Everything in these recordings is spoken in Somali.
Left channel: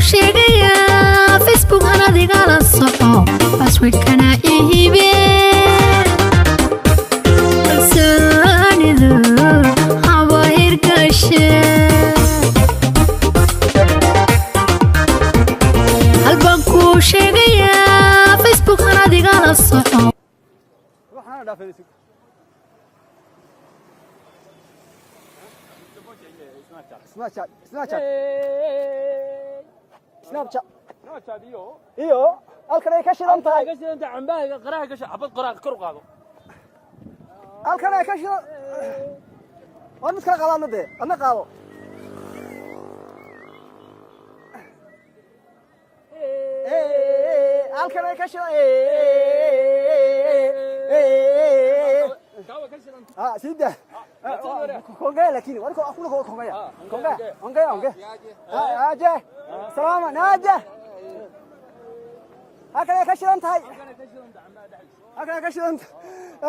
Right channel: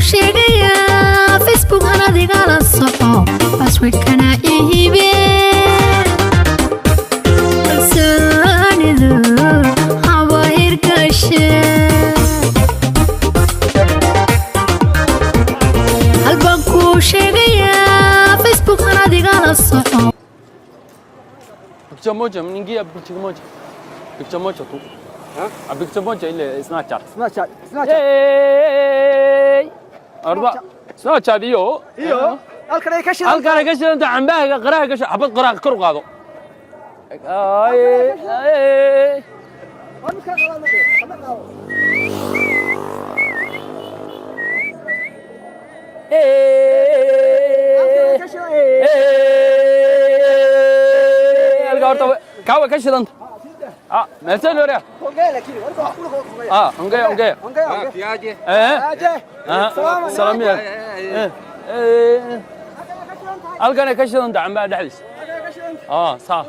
sheegayaa Facebook aan adigala soco passwordkana ihibe kalsoonidu haba hirgashe halbaan kuu sheegayaa Facebook aan adigala soco Picture moja mningia picture moja. Picture moja tu. Ha? Picture moja ile Snapchat. Hey! Arba. Snapchat iyo. halkan ay ka shidan halkan ay ka shidan cambaha qaraha ka xabad qaraha kor qaado. Ay. aan iska qaadano de ana qaado halkan ay ka shidan كاوي كشرنت سيده ما تسالوا ريا اوكي لكن ورقه كله خويا اوكي ياجي سلام يا halkan كشرنت عم بعد حدث صح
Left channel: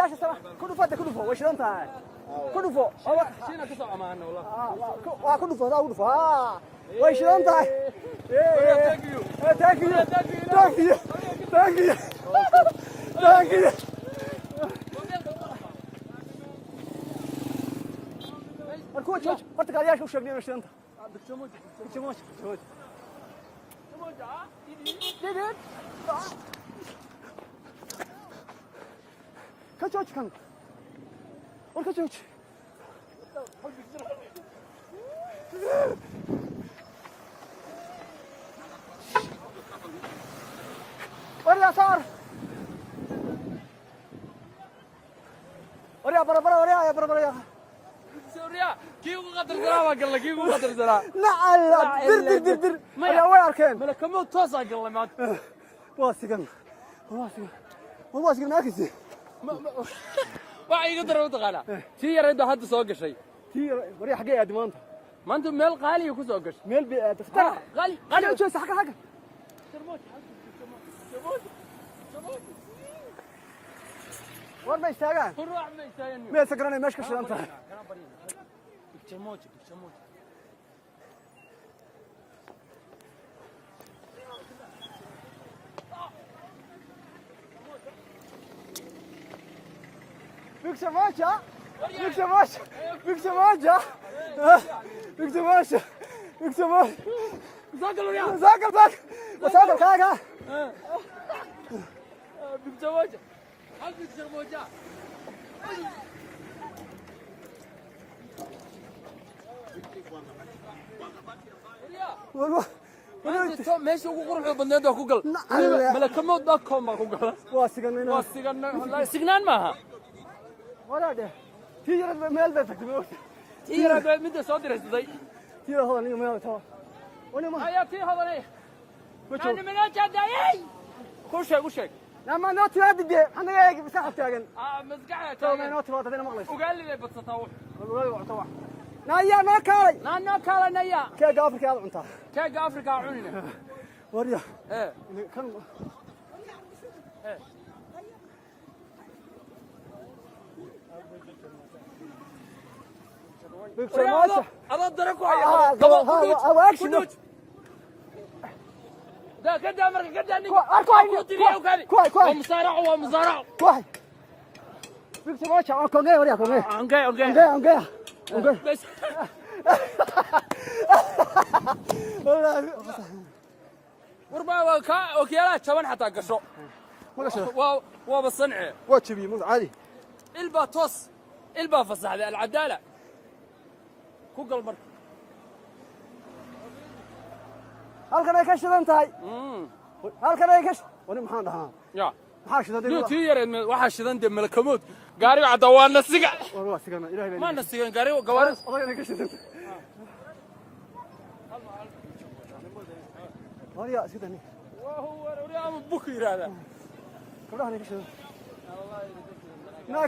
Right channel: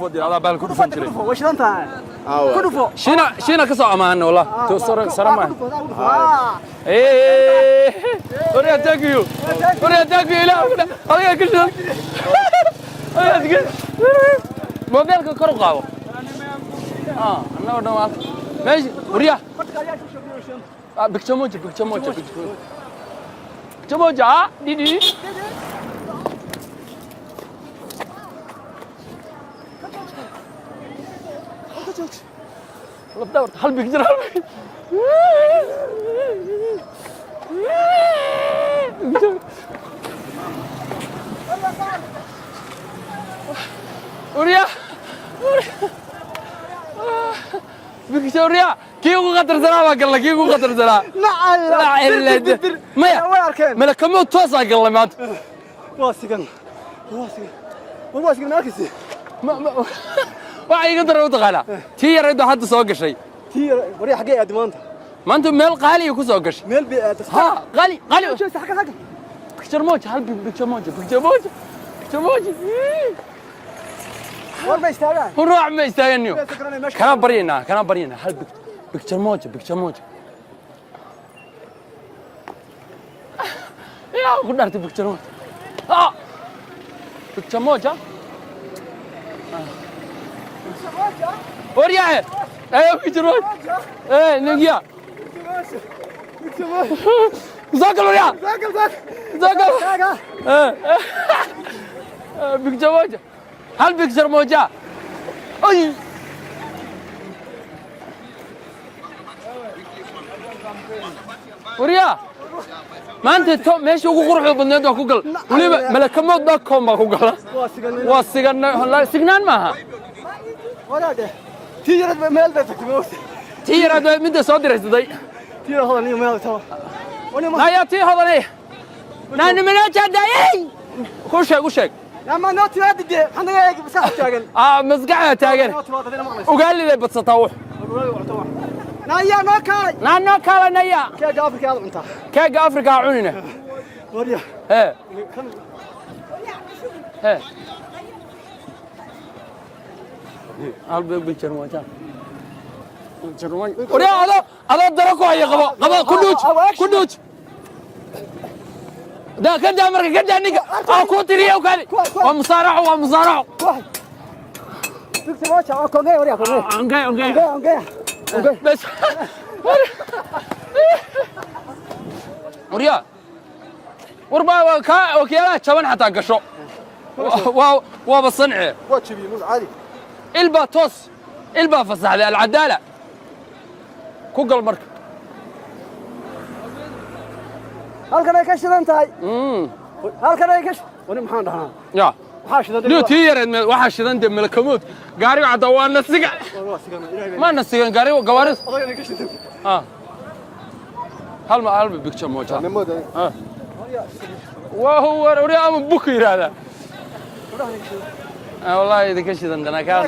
فضي على بالك كدفو وش انت كدفو شينا كسو امان والله توصر سلام وريا تاكيو لا هيا كشرنت موبايلك كور قاو انا ودوال ماشي وريا بكتموجه دي والله دورت هل بيقدر وريا فيكتوريا كيو قدر زنا قال لك كيو قدر زنا لا الا ما لك كم توصل قال لي مات واسقن ناكسي ما waxay iga darow taqala tii yareedo hadda soo gashay tii wari xagee aad maanta meel qaali ku soo gashay meel bi aad ha qaali xagga picture moja hal picture moja وربا استاغا ونروح ما يستاغنيو كان برينا هل بيكتشر موجه يا قدرت بيكتشر موجه بيكتشر موجه وريا ايوه بيكتشر موجه ايه نجيا بيكتشر موجه زاكل وريا زاكل بيكتشر موجه هل بيكسر موجة؟ أي وريا ما أنت ماشي وقروح بالنادي وكوكل وليه ملك موت داكم بكوكل واسجن لا سجنان معها ولا ده تيجي مال بيتك موت تيجي هذا من ده صادر هذي تيجي هذا نيو مال توا لا يا تيجي هذا ليه نحن من أجل دايين كوشك لما نوتي هذه دي أنا بس أتاجل مزقعة تاجل وقال لي بتسطوح نايا ناكال نايا كيك أفريقيا هذا أنت كيك أفريقيا عوننا وريا إيه قلبي بالشرموجة وريا هذا دركوا هي قبا كدوج ده كده مرة كده نيجا كوتريه وكذا ومصارع تكتب أوكي وريا أوكي بس وريا وربا وكيانا شبان حتى قشو وبصنعه واتشبي مش عادي البا البا فصح العدالة كوكل مركب halkan ay ka shidan tahay halkan ay ka wani maxaan dhahaa ya waxa shidan loo tiyareed waxa shidan de malakamood gaari wada waa nasiga ma nasigan gaari gawaaris hal ma albi picture moja وهو وريا ام بكير هذا والله اذا كشدن انا كان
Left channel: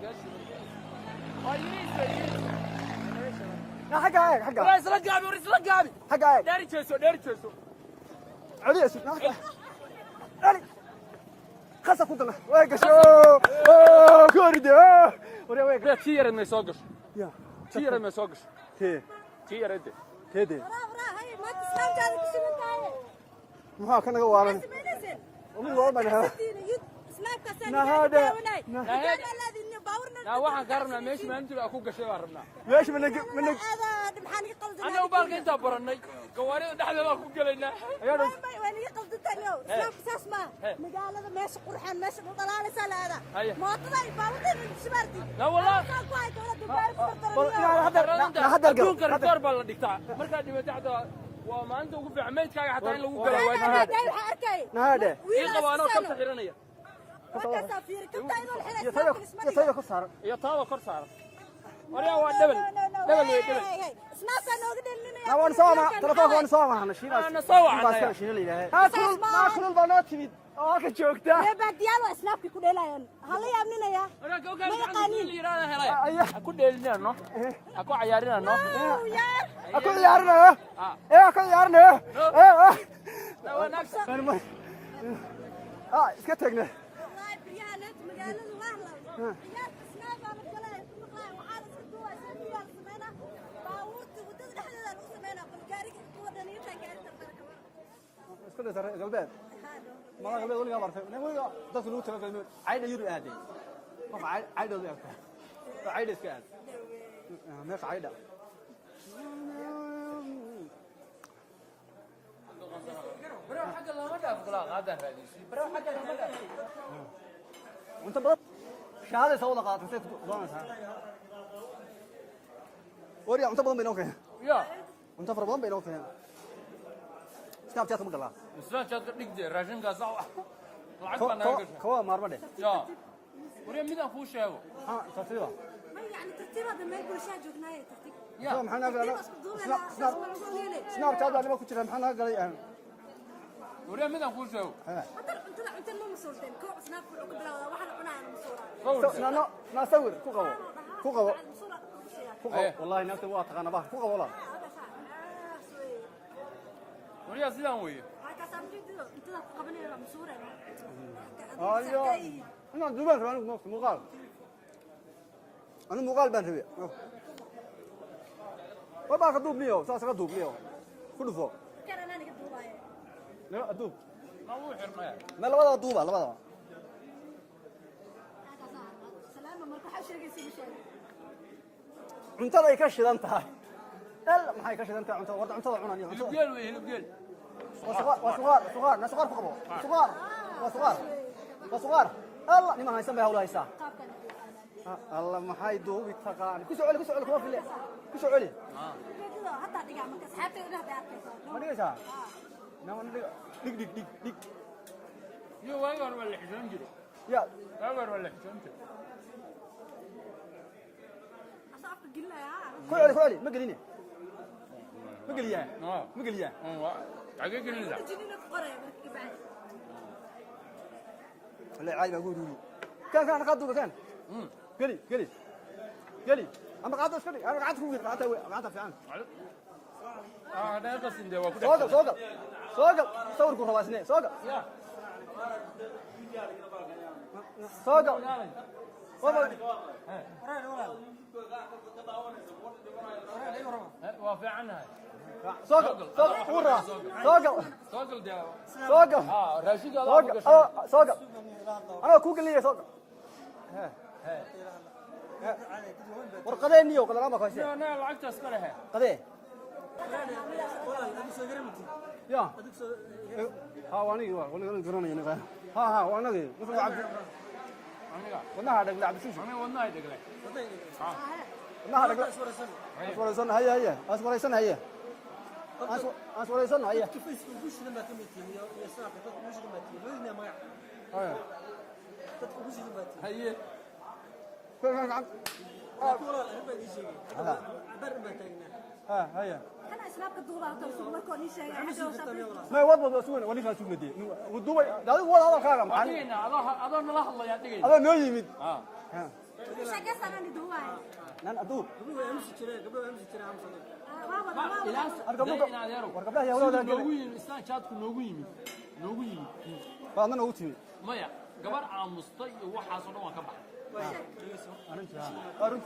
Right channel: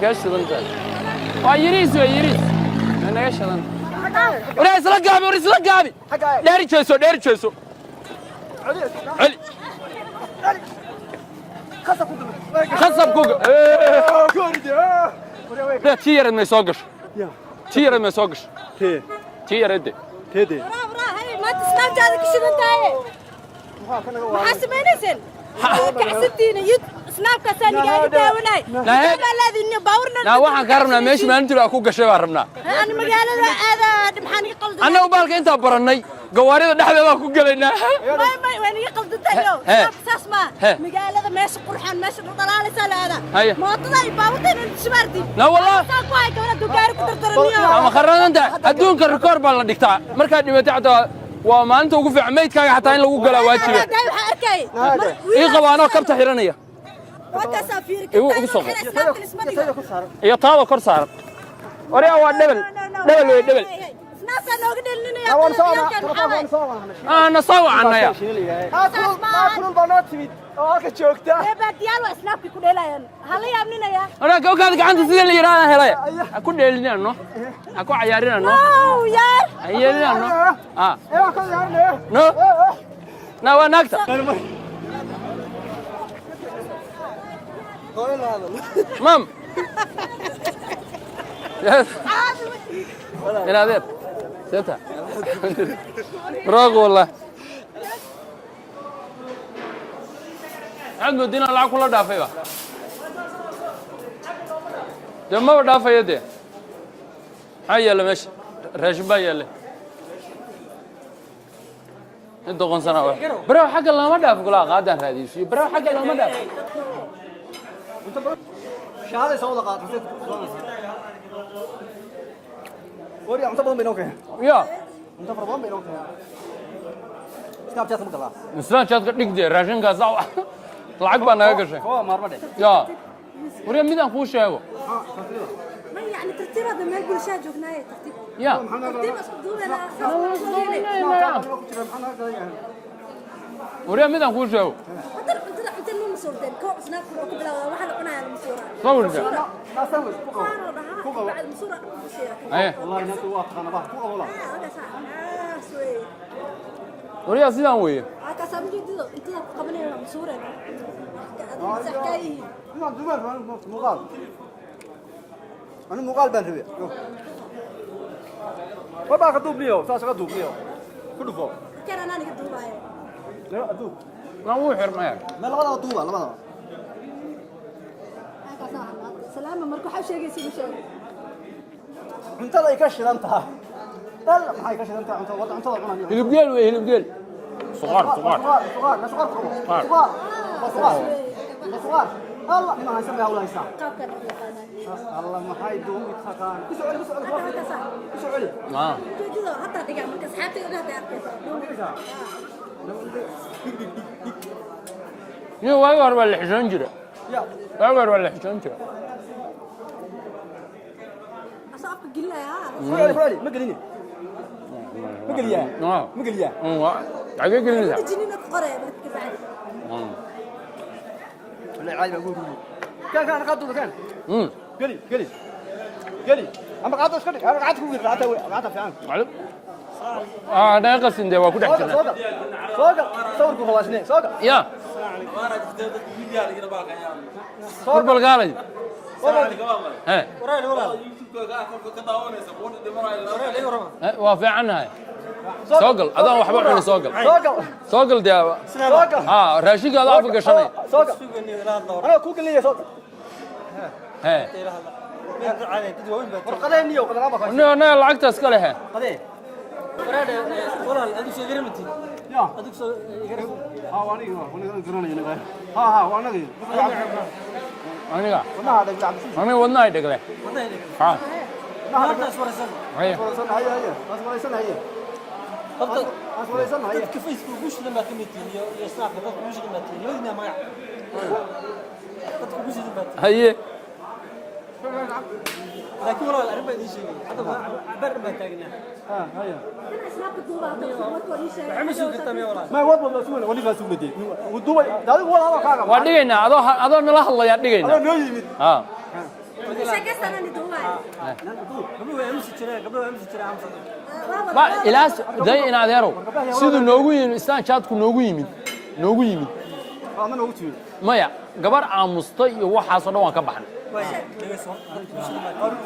كشدن ويريس انا كشدن وريس لقابي داري جيسو علي خصب كوكو تيرن ما يسوقش tii yareedde teedee برا هاي ما تسناب جادك شنو تاعي maxaa ka naga waa حاسبينيسن كعستيني يد سناب كساني قاعد داوناي الذي باورنا naa waxaan ka rabnaa meesha maalintii aa ku gashay baan rabnaa انا مقالة هذا محاني قلد annagu baalka intaa barannay gawaarida dhexdeeda ku gelaynaa ما وين يقلد تايو سناب ساسما مقالة ماشي قرحان ماشي طلال سالة هذا ما طلع باورنا شبارتي لا والله ساقواي كولا دوغار كترترنيو ama kharranta adduunka rikoor baa la dhigtaa markaad dhimatay xataa waa maalinta ugu fiican maydkaaga xataa in lagu galaa waajiba داي waxa arkay ii qabaanoo kabta xiranaya waka safir igu soo ku saaran iyo taada kor saaran oriya waa dhebel dhebel wey dhebel snaabka nooga dhelinaya waan soo maana na soo wacanaya kulul baa noo timid oo halka joogta baatiyaal waa snaabka ku dheelayaan hala yaabninaya oraa kawkaada gacanta sida la yidhaahda helay ha ku dheelinano ha ku cayaarinano ow yaar ha yeelinano ka yaarne no na waa naagta iska tagne hooyo la hadal mam ina adeer seta roog wallah عاد مدينة لعب كلها دافعة جماعة دافعة دي هاي يلا ماشي راشبا يلا الدقون سنة برا حق الله ما دافع كلها قاعدة هذه شيء برا حق الله ما دافع شهادة سوى لقاط وريا انت بدون بينوك يا انت بدون بينوك سناب شات مقلا إنسان شاد قد نقدر راشن كذا lacag baa naga gashay هو مارمده yaa wariya midaan kuu sheego ما يعني ترتيب هذا ما يقول شاة جبناية ترتيب yaa ترتيب أسدود أنا wariya midaan kuu sheego أنت مو مسؤولين كو سناب كلو كبلا واحد قناة على مسؤولة sawirka ما سوي بعد مسؤولة aye والله انت واقع انا بحكي والله هذا صح سوي wariya sidaan weeye هذا سامي جديد أنت قبل مسؤولة مقال انا مقال بنتبه وبا كدوب ليو ساس كدوب ليو كله فوق كان أنا نقدر معي لا ادوب waan wuu xirmaya ما لا دوبا لا هذا صح سلام مركو حب شيء يصير شيء انت لا يكشف انت لا ما يكشف انت انت عماني hilib geel wey hilib geel suqaar suqaar صغار الله ما يسمع ولا يسمع قاب كان يقانا الله ما هاي دوم يتخان سعودي كده حتى دقع مركز حياتي وده nin waagi hore waa la xishoon jira يا waagi hore waa la xishoon jira أصعب قلنا فلالي ما قليني ما قليا ما قليا xagee gelinaysaa الجنين قرية مركز عادي لا عادي بقول كان قاعد كان mm قلي اما قاعد اسكت انا قاعد كوي قاعد في عام معلم naga qasin dee waa ku dhex jirnaa سوق صورك هو اسنه سوق yaa furbal gaalay waa fiicannahay soo gal adaan waxba cuni soo gal soo gal dee raashinka adaa afka gashanay سوق انا كوك اللي سوق ورقدين يو قدام بقى anaga lacagta iska lehe قدين يا ها وانا قراني ها وانا aniga وانا هذا عبد السيس aniga wadnahay dhegle ha ما هذا اسمه haye سنه هي اسمه سنه هي اسمه سنه هي كيف يسوقوش لما قيمتين يصنع قبض مش قيمتين يودنا ما تطبوش قيمتين haye لكن والله الأربعة دي شيء عبر ما تاجنا هي أنا أسناب الدوبة مركو ليش عمشوا قدام يا والله ما يوضب سوونه ولي فاسو بدي ودوبي هذا هو هذا كان waa dhigaynaa adoo nala hadlayaa dhigaynaa نو يمد ha شكل أنا ندوبة قبل ما يمشي ترى قبل ما يمشي ترى عم صدق ba ilaas day in adeero siduu noogu yimid istaan jaadku noogu yimid انا نو تشوي maya gabar aamusta iyo waxaasoo dhan waan ka baxnay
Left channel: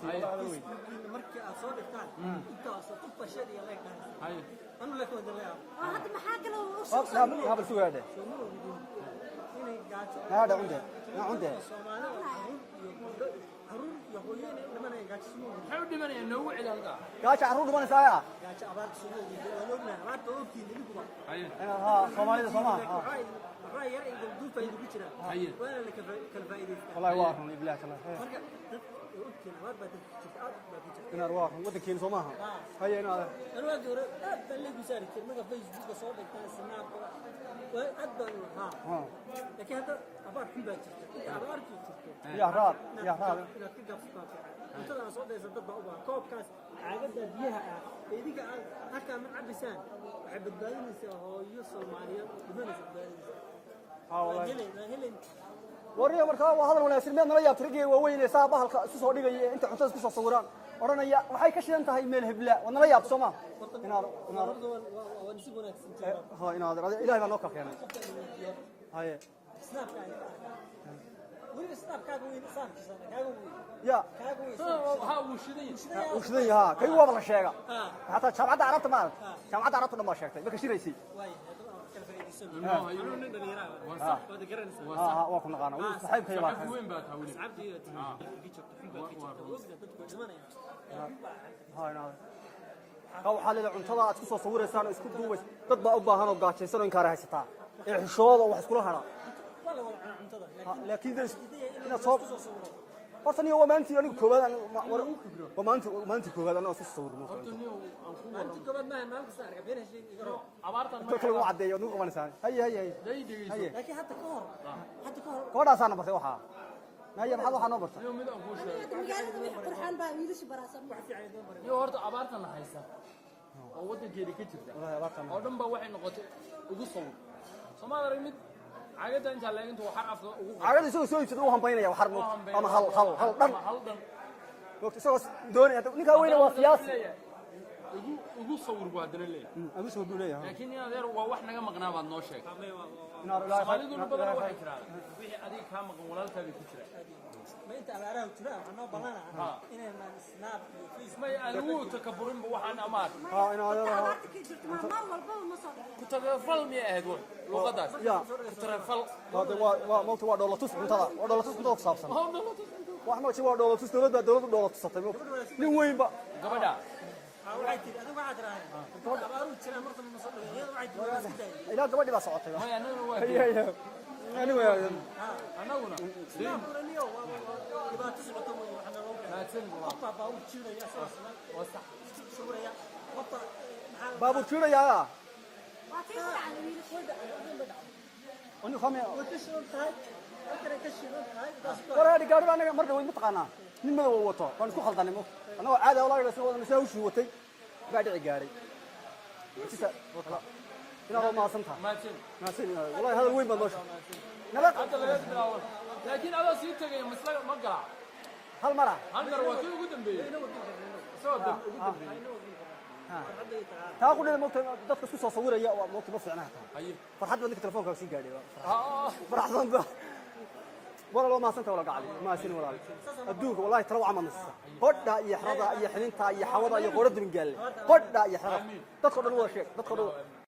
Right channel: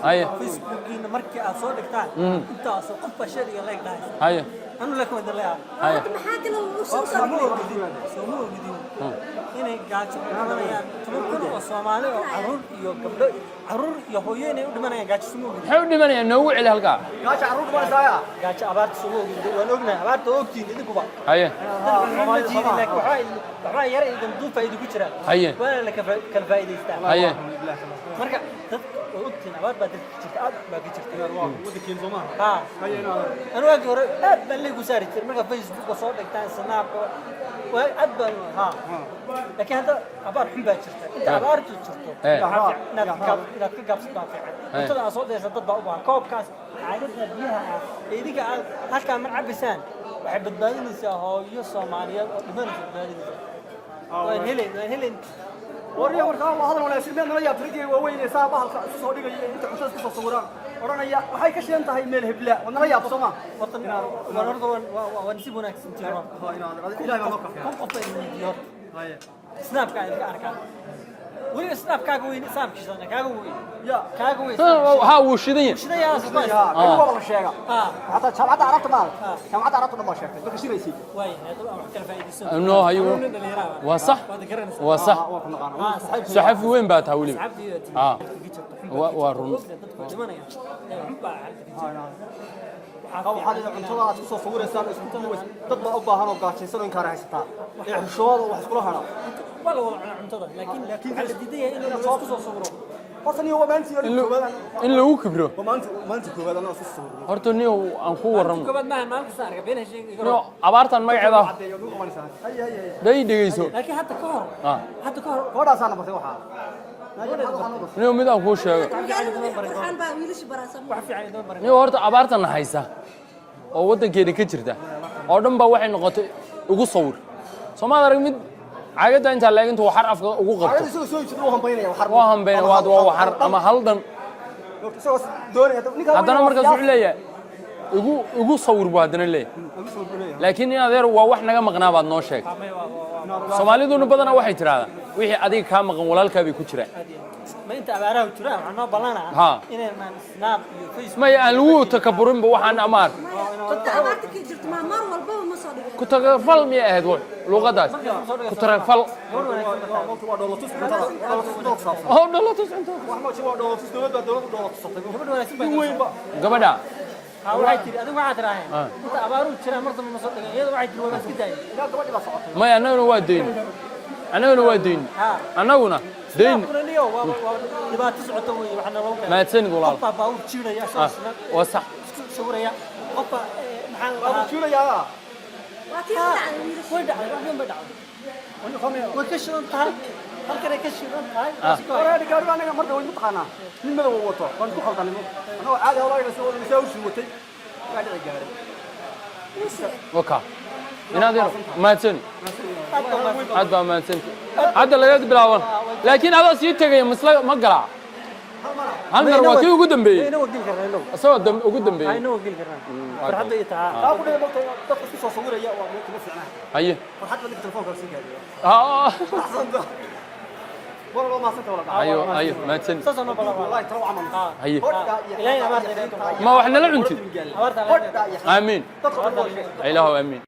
هيا فيسبوكينا مركي أصور دكتور أنت أصور قف شيء يلا يقدر هيا أنا لك ما دلها هيا محاكل وصوص سموه جديد هنا قاعد يعني تمكن الصومالي عرور يهوين ودمنا قاعد سموه جديد حاول من ينوع له هالقا gaaja carruur ma saaya قاعد عبارة سموه جديد ونقولنا عبارة توكتين إذا كبا هيا ما جيني لك وحاي يرى إذا مدوب فايدة كتير هيا ولا لك كالفايدة يستاهل هيا مركا وقتنا عبارة بدل كتير باقي كتير waddankeena Soomaaliya ها أنا واقف ورا بلي قصاري مركا فيسبوك وصور دكتور سناب وأدبر ها لكن هذا عبارة حبة كتير أنت عبارة كتير ناس كقابس طافع أنت أصوات إذا تطبع أبوها كوب كاس عادة بيها إيديك هالك من عبسان وحب تبادل هو يصوماليا لمن تبادل وين warriya markaa waa hadal wanaagsan meel nala yaabtirigay waaweyn ee saa bahalka isu soo dhigaya inta cuntada isku soo sawiraan oranaya waxay ka shidan tahay meel hebla wadnala yaab Soomaa وطن ونرد ونسيب هناك سنتين ha inaad ilaahay baa ka هم قطع المليون haya سناب كان أركان وين سناب كاغوين سناب كيسان كاغوين ya كاغوين ها وشدين شنو يا سبايس ya kuwa la sheega ها hatta jamacada arabta ma jamacada arabta ma sheegtay ma ka shiraysi وين هذا كان فايدة سنة انه هيو وصح وصح waa ku naqaan ها صحيح صحفي وين بات هولي عبدي اه ورون waxaad cuntada aad ku soo sawiraysaan isku duways dad ma u baahan oo gaajaysan in ka raaysataa ee xushooda wax isku lahana والله عنتظر لكن على الجدية إنه نسوق صوره horta niyo maanta iyo koobaad in lagu kibro maanta koobaad ana soo sawirno horta niyo aan ku waramo كمان ما كسر بين شيء niyo abaartan magaceeda cadeeyo dhul qabanaysaa hay hay day dhigeyso لكن حتى كهر حتى كهر koodhaas aan bartay waxa hada loo bartay niyo mid aan ku sheego waxaan baa wiilish baraasan وحفي على دون بريء niyo horta abaartan haysa oo wadankeena ka jirta oo dhan ba waxay noqotay ugu sawir Soomaaliya arag mid caagada inta laagintu waxar afka ugu qabto ayada soo soo jeedo hambaynaya waa hambeyn waa waxar ama hal dhan soo doonaya ninka haddana markaas wuxuu leeyahay ugu sawir buu haddana leeyahay laakiin in adeer waa wax naga maqnaa baad noo sheeg Soomaaliduna badanaa waxay tiraahdaa wixii adiga ka maqan walaalkaa bay ku jiraan ما أنت أبارة وترى عنا بلنا ها. إن ما سناب فيسبوك ma aan lagu takaburin ba waxaan amaar dadka abaarta ka jirta ma mar walba ma soo dhigay ku tagafal mi ahayd luqadaas ku tagafal waa dhoolatus cuntada oo dhalatus inta wax ma jiro dhoolatus dowladda dhoolatustay قبل ولا سبب weyn ba gabadha waxay tiri adigu waxaad tiraaheen inta abaaru jira marta ma soo dhigay iyada waxay tiri waa iska daayay ina gabadhi baa socotay ma anaguna waa deyn anaguna deyn kulaniyo waa dhibaato socoto weey waxna loo ma tsanid walaal qofba baa u jiiraya asaasna waa sax sawiraya qofba maxaa abu jiirayaa waa kii dhacay wiilish way dhacday wax ma dhacday wani xamee way ka shidan tahay halkan ay ka shidan tahay walaal gaadhi anaga marka way mutaqaana nin madaw wato waan isku khaldanimo anoo caadi walaal soo shiwatay gaadhi gaaray waka inaad ma tsanid aad baa ma tsanid hadda laga bilaawan laakiin hada sii tagay masla ma gala hal mar waa kii ugu dambeeyay inoo gil karnaa asoo ugu dambeeyay inoo gil karnaa farxadda iyo taa taa ku dhigay marka dadka isku soo sawiraya waa moota ma fiicnaa haye farxad la telefoonka sii gaadhay ah ma santa wala ayo ma tsanid soo noo balaa wallahi tara waxaan haye ilaahay abaarta ma wax nala cuntid abaarta amiin ilaahu amiin